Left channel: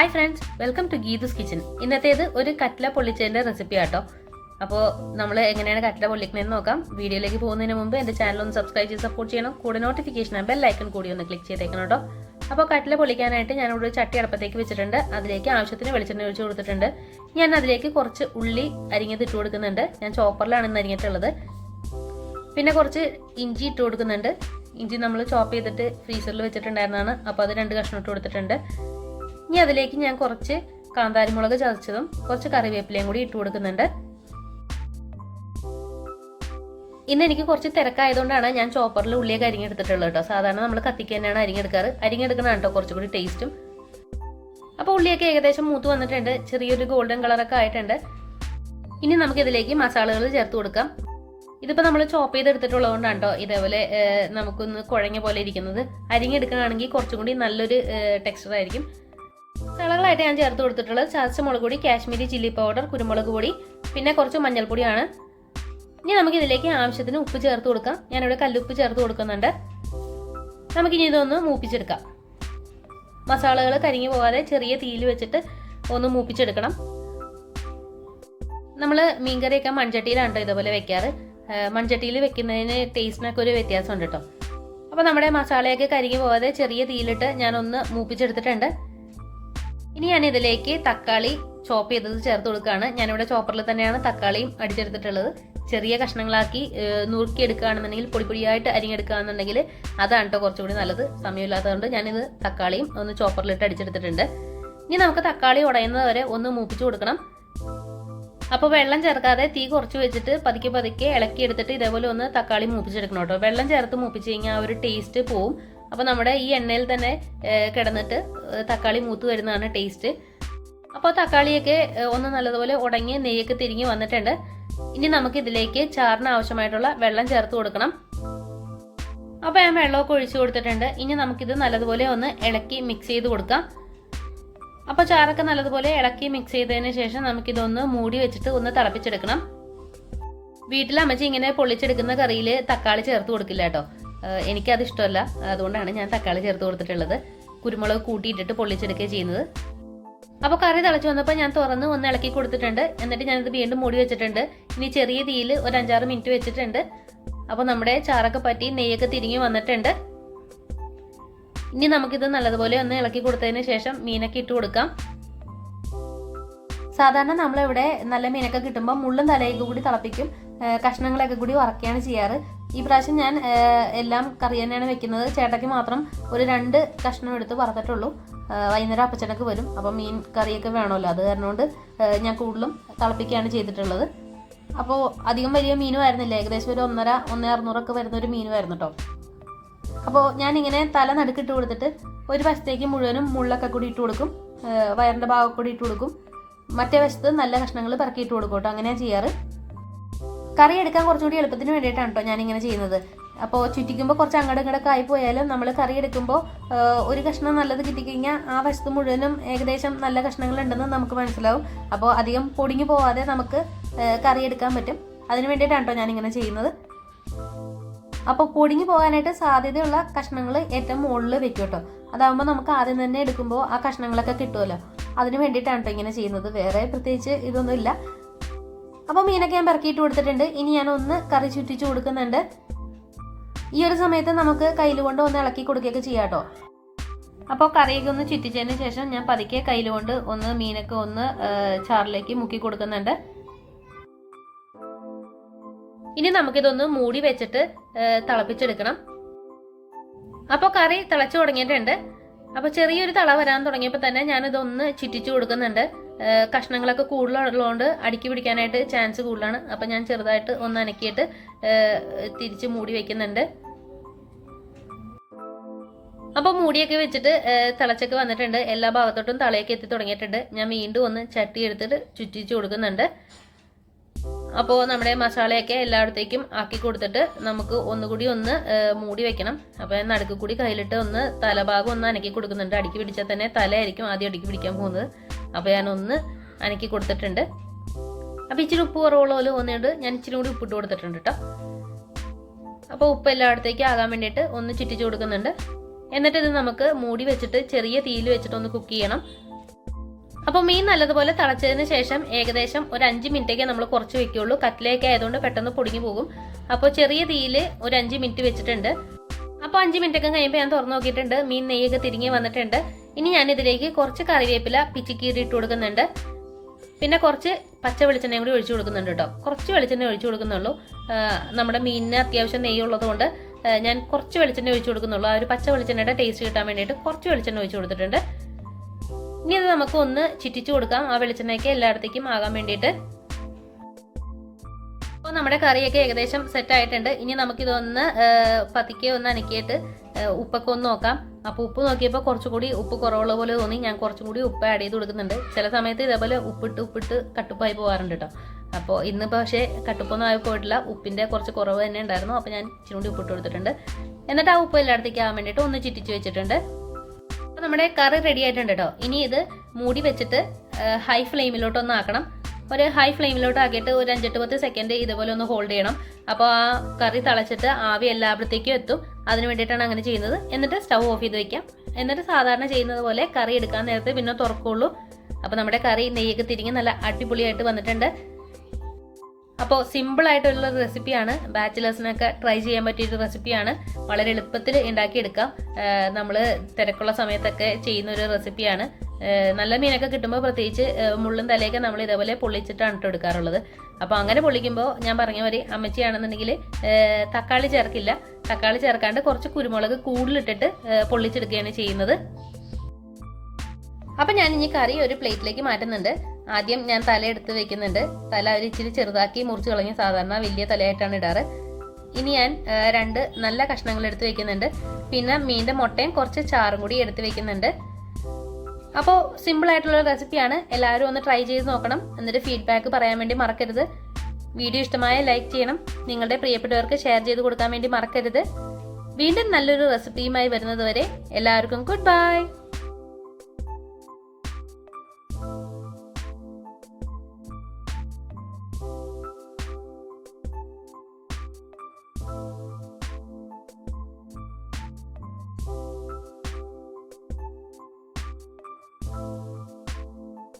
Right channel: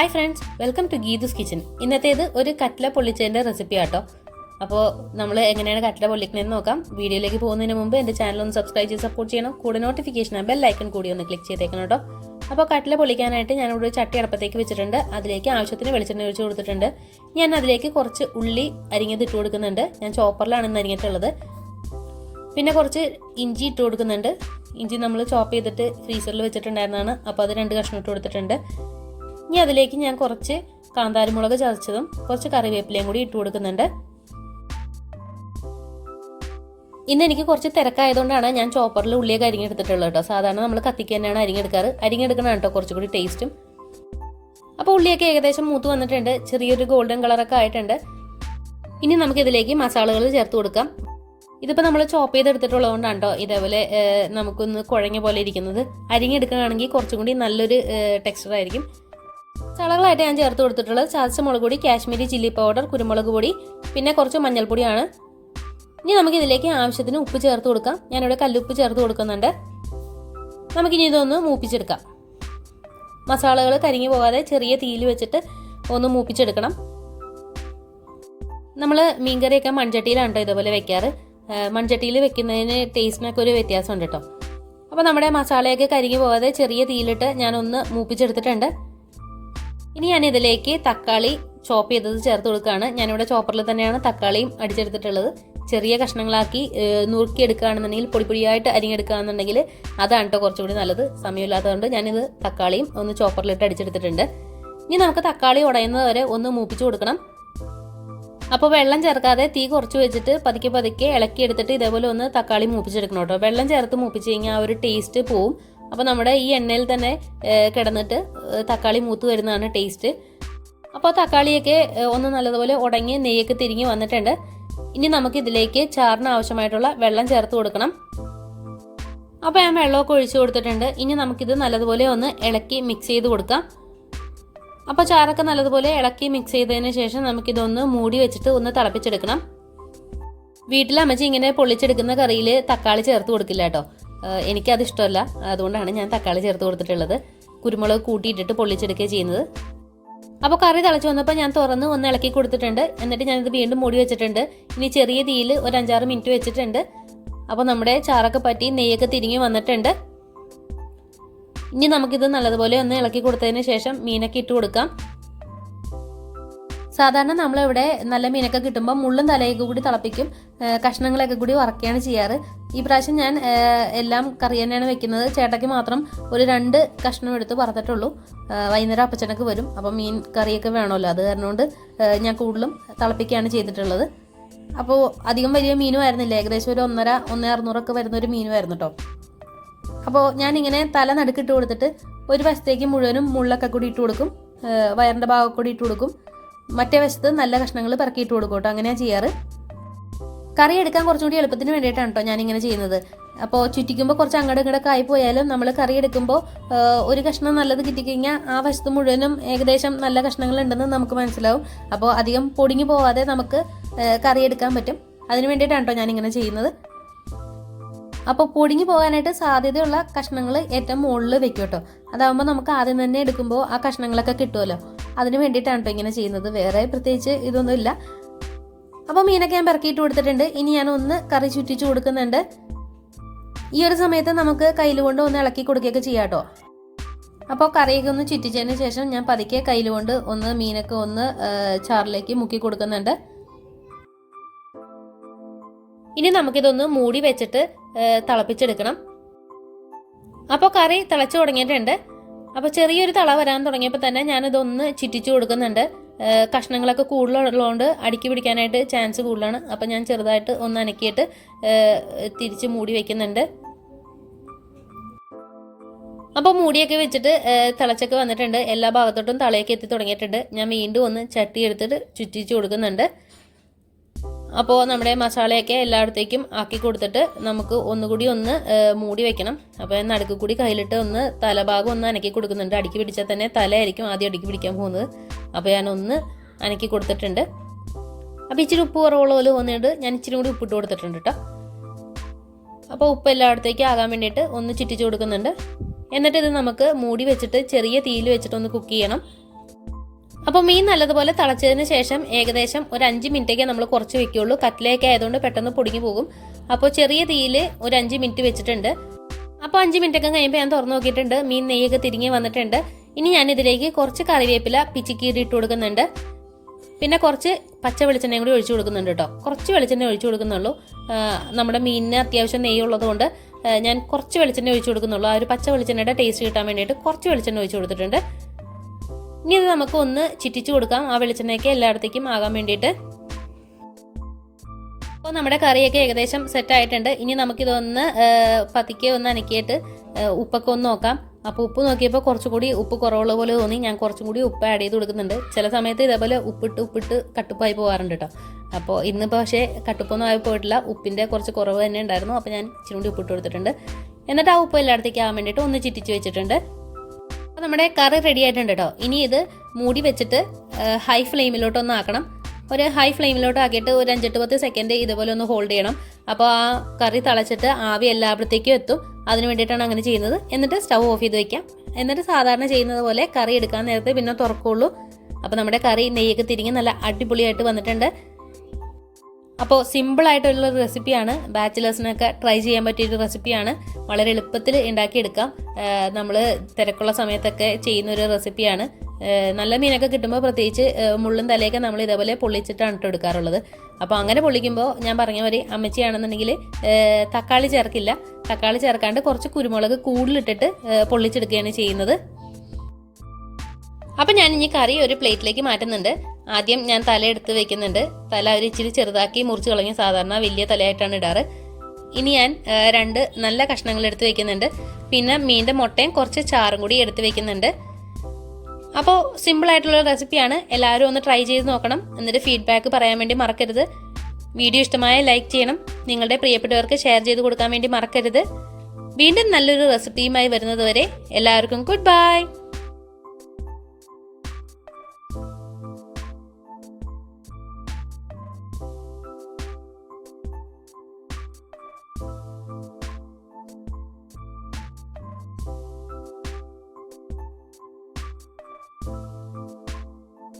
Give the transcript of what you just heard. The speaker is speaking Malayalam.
Hi friends, welcome to Geethu's kitchen. ഇന്നത്തേത് ഒരു കട്ട്ല പൊള്ളിച്ചതിൻ്റെ റെസിപ്പി ആട്ടോ. അപ്പോൾ നമ്മൾ എങ്ങനെയാണ് കട്ട്ല പൊള്ളിക്കണമെന്ന് നോക്കാം. വീഡിയോയിലേക്ക് പോകുന്നതിന് മുമ്പ് എൻ്റെ ചാനൽ ഒന്ന് സബ്സ്ക്രൈബ് ചെയ്ത് സപ്പോർട്ട് ചെയ്യണം. കൂടെ നോട്ടിഫിക്കേഷൻ ബെൽ ഐക്കൺ കൂടി ഒന്ന് ക്ലിക്ക് ചെയ്തേക്കണം കേട്ടോ. അപ്പോൾ കട്ട്ല പൊള്ളിക്കാനായിട്ട് ഞാനിവിടെ ഒരു ചട്ടി അടുപ്പത്തേക്ക് വെച്ചിട്ടുണ്ട്. അതിലേക്ക് ആവശ്യത്തിന് വെളിച്ചെണ്ണ ഒഴിച്ച് കൊടുത്തിട്ടുണ്ട്. ഞാൻ അതിലേക്ക് കുറച്ച് ഉള്ളി അരിഞ്ഞത് ഇട്ട് കൊടുക്കുന്നുണ്ട്. ഞാൻ ചോപ്പറിലാണ് ഇന്ന് അരിഞ്ഞിട്ടുള്ളത്. പിന്നെ കുറച്ച് ഇഞ്ചി ഇട്ട് കൊടുക്കുന്നുണ്ട്. ഇഞ്ചി നമ്മൾ ചോപ്പ് ചെയ്തിട്ട് ഫ്രീസറിൽ വെച്ചിട്ടുണ്ടായിരുന്നതാണ്. അപ്പോൾ അത് 2 കഷ്ണം ഇട്ട് കൊടുത്തിട്ടുണ്ട്. ഇനി അതിലേക്ക് ഞാൻ കുറച്ച് കാന്താരിമുളക് ചതച്ചതും കുറച്ച് കറിവേപ്പിലയും കൂടി ഇട്ട് കൊടുക്കുന്നുണ്ട്. ഇന്ന് എനിക്ക് കുറച്ച് തിരക്കായതുകൊണ്ടാണ് ഞാൻ ചോപ്പറിൽ ഉള്ളിയൊക്കെ അരിഞ്ഞെടുത്തിട്ടുള്ളത് കേട്ടോ. സാധാരണ നമ്മൾ കത്തിക്ക് തന്നെയാണ് അരിഞ്ഞെടുക്കാറ്. അരിഞ്ഞെടുക്കണം കേട്ടോ കുറച്ചുകൂടി ടേസ്റ്റും. അപ്പോൾ ഉള്ളിയൊക്കെ ഏകദേശം മൂത്ത് വന്നിട്ടുണ്ട്. ചെറിയൊരു ഗോൾഡൻ കളറൊക്കെ ആയിട്ടുണ്ട്. ഇനി നമുക്കിതിലേക്ക് മസാലകൾ ചേർത്ത് കൊടുക്കാം. ഇതിപ്പോൾ നമ്മൾ ചോപ്പ് ചെയ്തെടുത്തിട്ടുള്ളതുകൊണ്ടാണ് കേട്ടോ ഇതേപോലെ നമുക്കൊന്ന് കുഴഞ്ഞ പോലെ ഇരിക്കുന്നത്. അരിഞ്ഞെടുക്കുകയാണെങ്കിൽ കുറച്ചും കൂടി നല്ലൊരു ടെക്സ്ചർ ആയിരിക്കും. മസാലകളായിട്ട് ഞാൻ ചേർത്ത് കൊടുത്തിട്ടുള്ളത് ചതച്ച മുളക് പൊടി, കാശ്മീരി ചില്ലി പൗഡർ, കുരുമുളക് പൊടി, പിന്നെ കുറച്ച് മഞ്ഞൾപ്പൊടിയാണ്. ഇനി നമുക്കിതിലേക്ക് ആവശ്യത്തിന് ഉപ്പ് ചേർത്ത് കൊടുക്കാം. ഞാനിവിടെ കല്ലുപ്പ് ചേർത്ത് കൊടുക്കുന്നുണ്ട്. നമുക്കിനി ഇതൊന്ന് മൂപ്പിച്ചെടുക്കാം. മസാലകൾ കരിഞ്ഞു പോകാതെ ചെറിയ തീയിൽ വെച്ചിട്ട് ഒന്ന് മൂപ്പിച്ചെടുക്കണം. നമ്മൾ മീൻകറിയൊക്കെ മൺചട്ടിയിലാണ് കേട്ടോ ഇതുപോലെ വെക്കാറ്. മൺചട്ടിയിൽ വെക്കുന്നതിന് ടേസ്റ്റിനൊക്കെ ഒരു വ്യത്യാസമുണ്ട് കേട്ടോ. അപ്പോൾ നമ്മുടെ മസാലയൊക്കെ കരിഞ്ഞു പോകാതെ ചെറിയ തീയിലിട്ട് ഞാനൊന്ന് മൂപ്പിച്ചെടുത്തിട്ടുണ്ട്. ഇനി ഞാൻ ഇതിലേക്ക് തക്കാളി ചോപ്പ് ചെയ്തത് ചേർത്ത് കൊടുക്കുകയാണ്. ഞാനിവിടെ ചോപ്പറിൽ തന്നെയാണ് തക്കാളിയും അടിച്ചെടുത്തിട്ടുള്ളത്. ചെറിയ കഷ്ണങ്ങളാക്കി നുറുക്കിയെടുക്കുകയാണെന്നുണ്ടെങ്കിൽ പൊടിയായിട്ട് അരിഞ്ഞെടുക്കുകയാണെന്നുണ്ടെങ്കിൽ അതാണ് കേട്ടോ കുറച്ചുകൂടി നല്ലത്. സമയമില്ലാത്തതുകൊണ്ട് ഞാനിത് തക്കാളിയും ഒന്ന് ചോപ്പറിലിട്ട് അടിച്ചെടുത്തിട്ടുണ്ട്. ഇനി നമുക്ക് തക്കാളി ഉടയുന്നത് വരെ ഒന്ന് മൂപ്പിച്ച് കൊടുക്കണം. അപ്പോൾ വെള്ളം ചേർക്കാതെ തീ കുറച്ച് വെച്ചിട്ട് പതുക്കെ ഇളക്കിയെടുത്തിട്ട് ഇതേപോലെ ഒന്ന് തക്കാളി മൂപ്പിച്ചെടുക്കണം കേട്ടോ. വെള്ളം ചേർത്ത് മൂപ്പിച്ച് കഴിഞ്ഞാൽ ആ ഒരു ടേസ്റ്റ് പോവും. അപ്പോൾ നമ്മുടെ ഈ എണ്ണയിൽ തന്നെ കിടന്നിട്ട് തക്കാളി മൂത്ത് വരുന്നതാണ് ടേസ്റ്റ്. അപ്പോൾ തക്കാളിയൊക്കെ ഒന്ന് നല്ലതുപോലെ ഉടങ്ങി നെയ്യൊക്കെ തിരിഞ്ഞ് വന്നിട്ടുണ്ട്. ഇനി നമുക്കിതിലേക്ക് ചാറിന് ആവശ്യമായിട്ടുള്ള വെള്ളം ചേർത്ത് കൊടുക്കണം. അപ്പോൾ ഞാൻ വെള്ളമൊക്കെ ഒഴിച്ചു കൊടുത്തിട്ടുണ്ട്. ഇനി നമുക്കിത് നല്ലതുപോലെ ഒന്ന് ഇളക്കി മിക്സ് ചെയ്ത് കൊടുക്കാം. അപ്പോൾ ചാറൊക്കെ നല്ലതുപോലെ ഇളക്കി മിക്സ് ചെയ്തതിന് ശേഷം നമുക്കിതൊന്ന് മൂടി വെച്ചിട്ട് ഒന്ന് തിളപ്പിച്ചെടുക്കണം. വീട്ടിൽ അമ്മച്ചി ഇങ്ങനെ പൊള്ളിച്ചെടുക്കുന്ന കറിയിൽ തക്കാളി ചേർത്ത് കൊടുക്കില്ല കേട്ടോ. എനിക്കത് ഇഷ്ടമല്ല. അതുകൊണ്ടാണ് ഞാൻ തക്കാളി ചേർത്ത് കൊടുത്തിട്ടുള്ളത്. കുരുമുളക് കൂട്ടിയിട്ടിട്ട് പൊള്ളിച്ചെടുക്കുകയാണ് ചെയ്യുന്നത്. അപ്പോൾ കറി തിളച്ച് വന്നപ്പോൾ ഞാൻ തുറന്ന് ഒന്ന് ഇളക്കി കൊടുത്തിട്ടുണ്ട്. എന്നിട്ട് ഞാനിത് വീണ്ടും മൂടി വെച്ചിട്ടുണ്ട്. ഇനി ചെറിയ തീയിൽ ഒരു 5-6 മിനിറ്റ് വെച്ചിട്ടുണ്ട്. അപ്പോൾ നമ്മുടെ ചാറൊക്കെ പറ്റി നെയ്യൊക്കെ തിരിഞ്ഞ് വന്നിട്ടുണ്ട്. ഇനി നമുക്കിത് നല്ലതുപോലെ ഒന്ന് ഇളക്കി കൊടുത്തതിന് ശേഷം മീനൊക്കെ ഇട്ട് കൊടുക്കാം. സാധാരണ നമ്മളിവിടെ നല്ല മീനൊക്കെ കിട്ടുമ്പോൾ മുള്ളും തലയൊക്കെ കൂടി തിളപ്പിക്കും. കഷ്ണങ്ങളൊക്കെ കൂടി വറക്കുകയാണ് ചെയ്യാറ്. ഈ പ്രാവശ്യം ഞാൻ എല്ലാം കറി തന്നെയാണ് വെക്കുന്നത്. ചേട്ടയ്ക്ക് മാത്രം ഒരു 2 കഷ്ണം എടുത്ത് വറുത്തിട്ടുള്ളൂ. വൈകുന്നേരം അപ്പച്ചനൊക്കെ വരും. അപ്പോൾ മീൻ കറിയൊക്കെ വേണമല്ലോ. അത് കാരണം കൊണ്ട് ഞാൻ കൂടുതലും തിളപ്പിക്കുകയാണ് ചെയ്തിട്ടുള്ളത്. അപ്പോൾ അധികം വലിയ മീനും ആയിരുന്നില്ല. ഏകദേശം ഒരു 1.5-1.600 വരുന്നൊരു മീനുമായിരുന്നു കേട്ടോ. അപ്പോൾ ഞാനിങ്ങനെ തല നടുക്കിട്ട് കൊടുത്തിട്ട് ഒരു വശത്തേക്ക് മുഴുവനും മുള്ളൊക്കെ കൂടി ഇട്ട് കൊടുക്കും. വയറിൻ്റെ ഭാഗം കൂടി ഇട്ട് കൊടുക്കും. മറ്റേ വശത്ത് നല്ല കഷ്ണങ്ങൾ പെറുക്കിയിട്ട് കൊടുക്കും കേട്ടോ. അങ്ങനെയാണ് ചെയ്യാറ്. കറി എടുക്കാൻ കുറച്ചുകൂടി എളുപ്പത്തിന് വേണ്ടിയിട്ടാണ് കേട്ടോ ഞാനിങ്ങനെ ചെയ്യുന്നത്. അപ്പോൾ ചുറ്റിക്കുമ്പോൾ കുറച്ച് അങ്ങോട്ട് ഇങ്ങോട്ടൊക്കെ ആയി പോയാലും നമ്മൾ കറി എടുക്കുമ്പോൾ ഒരു കഷ്ണം നല്ലത് കിട്ടിക്കഴിഞ്ഞാൽ ആ വശത്ത് മുഴുവനും ഏകദേശം നല്ല കഷ്ണങ്ങൾ ഉണ്ടെന്ന് നമുക്ക് മനസ്സിലാവും. അപ്പോൾ അധികം പൊടിഞ്ഞു പോവാതെ നമുക്ക് കറി എടുക്കാൻ പറ്റും. അതിന് വേണ്ടിയിട്ടാണ് കേട്ടോ ഞാനിങ്ങനെ ചെയ്യുന്നത്. അപ്പോൾ പൊടിഞ്ഞു പോകാനായിട്ട് സാധ്യതയുള്ള കഷ്ണങ്ങൾ ഏറ്റവും മുകളിൽ വെക്കും കേട്ടോ. അതാകുമ്പോൾ നമുക്ക് ആദ്യം തന്നെ എടുക്കുമ്പോൾ ആ കഷ്ണങ്ങളൊക്കെ കിട്ടുമല്ലോ. അതിന് വേണ്ടിയിട്ടാണ് കേട്ടോ ഇങ്ങനെ ചെയ്യുന്നത്. വേറെ പ്രത്യേകിച്ച് ഇതൊന്നും ഇല്ല. അപ്പോൾ മീനൊക്കെ ഞാൻ പെറുക്കിയിട്ട് കൊടുത്തിട്ടുണ്ട്. ഇനി ഞാൻ ഒന്ന് കറി ചുറ്റിച്ച് കൊടുക്കുന്നുണ്ട്. ഈ ഒരു സമയത്ത് നമുക്ക് കയ്യിലുകൊണ്ട് ഒന്ന് ഇളക്കി കൊടുക്കുകയൊക്കെ ചെയ്യാം കേട്ടോ. അപ്പോൾ കറിയൊക്കെ ഒന്ന് ചുറ്റിച്ചതിന് ശേഷം ഞാൻ പതുക്കെ കയ്യിലുകൊണ്ട് ഒന്ന് മീനൊക്കെ ഒന്ന് ചാറിലേക്ക് മുക്കി കൊടുക്കുന്നുണ്ട്. ഇനി നമുക്കിതൊന്ന് മൂടി വെച്ചിട്ട് തിളപ്പിച്ചെടുക്കണം. അപ്പോൾ കറി തിളച്ച് തുടങ്ങിയിട്ടുണ്ട്. അപ്പോൾ ചെറിയൊരു തള വരാൻ തുടങ്ങിയപ്പോൾ തന്നെ ഞാനിതൊന്ന് ചുറ്റിച്ചു കൊടുക്കുന്നുണ്ട്. കഷ്ണങ്ങളൊക്കെ കൂടുതലുള്ളതുകൊണ്ട് അടുക്കി പിടിക്കാനായിട്ട് ചാൻസ് കൂടുതലാണ്. അപ്പോൾ ഞാൻ ചെറുതായിട്ട് ഒന്ന് അനക്കിയിട്ട് തിരിച്ച് മൂടി വയ്ക്കുന്നുണ്ട്. അപ്പോൾ മൂടിയൊക്കെ വെച്ചിട്ട് തിളച്ചൊക്കെ വന്നിട്ടുണ്ട്. എല്ലാ ഭാഗത്തോട്ടും തളയൊക്കെ എത്തി തുടങ്ങിയിട്ടുണ്ട്. ഞാൻ വീണ്ടും ഒന്ന് ചട്ടി എടുത്തിട്ട് ചുറ്റിച്ച് കൊടുക്കുന്നുണ്ട്. അപ്പോൾ നമ്മുടെ മസാലയൊക്കെ എല്ലായിടത്തേക്കും ആക്കി കൊടുത്തിട്ട് നമുക്ക് ഒന്നുകൂടി ഒന്ന് മൂടി വെക്കണം. അപ്പോൾ ഞാൻ നടുക്ക് കൂടി കയ്യിലിട്ട് ഒന്ന് തലഭാഗം ഒന്ന് അനക്കി കൊടുക്കുന്നുണ്ട്. അടുക്കി പിടിച്ചാൽ തന്നെ തലയായിരിക്കും ആദ്യം അടുക്കി പിടിക്കാൻ പോകുന്നത്. അപ്പോൾ ഞാനൊന്ന് അനക്കി കൊടുത്തിട്ടുണ്ട്. അപ്പോൾ ഇച്ചിരി ഉപ്പ് കുറവുള്ള പോലെ തോന്നിയിട്ട് ഞാൻ ഇച്ചിരി കൂടി ഉപ്പിട്ട് കൊടുത്തിട്ടുണ്ട് കേട്ടോ. അപ്പോൾ ഉപ്പ് എല്ലായിടത്തേക്കും ആകാൻ വേണ്ടിയിട്ട് ഒന്ന് ചുറ്റിച്ച് കൊടുക്കുന്നുണ്ട്. എന്നിട്ട് ഇത് നമുക്ക് മൂടി വെച്ചിട്ട് ചെറിയ തീയിൽ വെച്ചിട്ട് ഒന്ന് കുക്ക് ചെയ്യണം. അപ്പോൾ മീൻ നല്ലതുപോലെ തിളച്ചതിന് ശേഷം ഏകദേശം ഒരു 5 മിനിറ്റൊക്കെ നമ്മൾ കുറച്ച് വെക്കുകയുള്ളൂ. കട്ടിലേക്ക് ആയതുകൊണ്ട് പെട്ടെന്ന് പൊടിഞ്ഞു പോകും. അപ്പോൾ ചെറിയ തീയിൽ ഒരു 5 മിനിറ്റ് വെച്ചിട്ടുണ്ട്. അപ്പോൾ 5 മിനിറ്റൊക്കെ കഴിയുമ്പോൾ ഞാൻ തുറന്നു നോക്കിയിട്ടുണ്ട്. മീൻ നെയ്യൊക്കെ തിരിഞ്ഞ് വന്നിട്ടുണ്ട്. ഇനി ഞാനിതിലേക്ക് കുറച്ച് കറിവേപ്പില പിച്ചിക്കീറി ഇട്ട് കൊടുക്കുന്നുണ്ട്. പിന്നെ കുറച്ച് പച്ച വെളിച്ചെണ്ണയും കൂടി ഒഴിച്ചു കൊടുക്കുന്നുണ്ട് കേട്ടോ. കുറച്ച് വെളിച്ചെണ്ണ ഒഴിച്ചു കൊടുക്കുന്നുള്ളൂ. നമ്മുടെ മീനിന് അത്യാവശ്യം നെയ്യ് ഉള്ളതുകൊണ്ട് ഞാൻ കുറച്ച് വെളിച്ചെണ്ണ ഒഴിച്ചു കൊടുക്കുന്നുള്ളൂ. ആ ഒരു പച്ച വെളിച്ചെണ്ണയുടെ ടേസ്റ്റ് കിട്ടാൻ വേണ്ടിയിട്ട് കുറച്ച് വെളിച്ചെണ്ണ ഒഴിച്ചു കൊടുത്തിട്ടുണ്ട്. ഇനി അത് നമുക്ക് ഒന്ന് ചിറ്റിച്ചു കൊടുക്കാം, ആ വെളിച്ചെണ്ണയ്ക്ക് എല്ലായിടത്തേക്കും ആകാൻ വേണ്ടിയിട്ട്. അപ്പോൾ നമ്മുടെ കറിയൊക്കെ ഏകദേശം സെറ്റ് ആയിട്ടുണ്ട്. ഇനി നമുക്കിതൊന്ന് പതുക്കെ ഒന്ന് അനക്കിയിട്ട് ഉപ്പൊക്കെ ഒന്ന് നോക്കാം. അപ്പോൾ ഉപ്പ് നോക്കിയപ്പോൾ കുറച്ചുകൂടി ഉപ്പ് കുറവുള്ള പോലെ തോന്നി. ഞാൻ കുറച്ചും കൂടി ഉപ്പ് ആഡ് ചെയ്ത് കൊടുക്കുന്നുണ്ട്. ചില സമയത്ത് ഇതേപോലെ ഉപ്പിട്ട് കട്ടുപ്പായി പോകാറുണ്ട് കേട്ടോ. അപ്പോൾ ഇന്ന് പക്ഷേ കട്ടുപ്പൊന്നും ആയി പോയിട്ടില്ല. ഉപ്പിൻ്റെ കുറച്ച് കുറവ് തന്നെ ഉണ്ടായിരുന്നു. അപ്പോൾ ഞാൻ ഇച്ചിരി കൂടി ഉപ്പിട്ട് കൊടുത്തിട്ടുണ്ട്. എന്നിട്ട് ആ ഉപ്പ് എല്ലായിടത്തേക്ക് ആകാൻ വേണ്ടിയിട്ട് ഒന്ന് ചിറ്റിച്ച് വെച്ചിട്ടുണ്ട്. അപ്പോൾ നമ്മുടെ കറി റെഡി ആയിട്ടുണ്ട് കേട്ടോ. ഇനി ഇത് മൂടി വെച്ചിട്ട് ഹൈ ഫ്ലെയിമിലോട്ടൊന്ന് ആക്കണം. ഒരു ഹൈ ഫ്ലെയിമിലോട്ട് ആക്കിയിട്ട് ഒരു 5-10 സെക്കൻഡ് ഇതുപോലെ ഒന്ന് ഹോൾഡ് ചെയ്യണം. അപ്പോൾ ആ കറി തിളച്ചിട്ട് ആവി എല്ലായിടത്തേക്കും എത്തും. അതിന് വേണ്ടിയിട്ടാണ് അങ്ങനെ ചെയ്യുന്നത്. എന്നിട്ട് സ്റ്റവ് ഓഫ് ചെയ്ത് വയ്ക്കാം. എന്നിട്ട് സാധാരണ ചെയ്യുന്നത് പോലെ കറി എടുക്കാൻ നേരത്തെ പിന്നെ തുറക്കുള്ളൂ. അപ്പോൾ നമ്മുടെ കറി നെയ്യൊക്കെ തിരിഞ്ഞ് നല്ല അടിപൊളിയായിട്ട് വന്നിട്ടുണ്ട്. അപ്പോൾ സിമ്പിളായിട്ടുള്ള റെസിപ്പിയാണ്. ബാച്ചിലേഴ്സിനൊക്കെ ട്രൈ ചെയ്യാൻ പറ്റിയൊരു റെസിപ്പിയാണ്. വളരെ എളുപ്പത്തിൽ ഉണ്ടാക്കിയെടുക്കാം. നമ്മൾ തിരക്കുള്ള സമയത്തൊക്കെ ചെയ്യുന്നൊരു റെസിപ്പിയാണ്. നല്ല മീനൊക്കെ കിട്ടുമ്പോൾ പ്രത്യേകിച്ച് മുള്ളും തലയൊക്കെ നമ്മൾ ഇതേപോലെ പൊള്ളിച്ചിട്ടാണ് ഇട്ട് എടുക്കാറുള്ളത്. അപ്പോൾ അങ്ങനെ പൊള്ളിക്കുമ്പോൾ ഞാൻ പറഞ്ഞ പോലെ അമ്മച്ചിയാണെന്നുണ്ടെങ്കിൽ തക്കാളി ചേർക്കില്ല. തക്കാളി ചേർക്കാണ്ട് കുറച്ച് കുരുമുളക് കൂടുതലിട്ടിട്ട് പൊള്ളിച്ചെടുക്കുകയാണ് ചെയ്യുന്നത്. അപ്പം ഞാൻ ഇനി കറി ഒരു പ്ലേറ്റിലേക്ക് മാറ്റുന്നുണ്ട്. ആദ്യം ഞാൻ തല എടുത്ത് വെക്കുന്നുണ്ട്. തല ഒരു ഇച്ചിരി ചെറുതാക്കി മുറിച്ച് കളഞ്ഞ് സാധാരണ വലിയ തലയായിട്ടാണ് ഇടാറ്. ഇനി ഞാൻ 2 നല്ല കഷ്ണങ്ങൾ എടുത്ത് വെക്കുന്നുണ്ട്. പിന്നെ മീൻ്റെ മുട്ടയും കുറച്ച് ചാറും കൂടി എടുത്ത് വെക്കുന്നുണ്ട്. അപ്പോൾ സിമ്പിളായിട്ടുള്ള റെസിപ്പിയാണ്. എല്ലാവരും ഒന്ന് ട്രൈ ചെയ്ത് നോക്കണം. എന്നിട്ട് ഫീഡ്ബാക്ക് പറയാൻ വേണ്ടി മറക്കരുത്. വീഡിയോ ഇഷ്ടമായ ലൈക്ക് ചെയ്യണം. നിങ്ങളുടെ പ്രിയപ്പെട്ടവർക്ക് ഷെയർ ചെയ്ത് കൊടുക്കാൻ വേണ്ടി മറക്കരുത്. വീണ്ടും നല്ലൊരു റെസിപ്പിയുമായി വരുന്നത് വരെ എല്ലാവർക്കും ഗുഡ് ബൈ.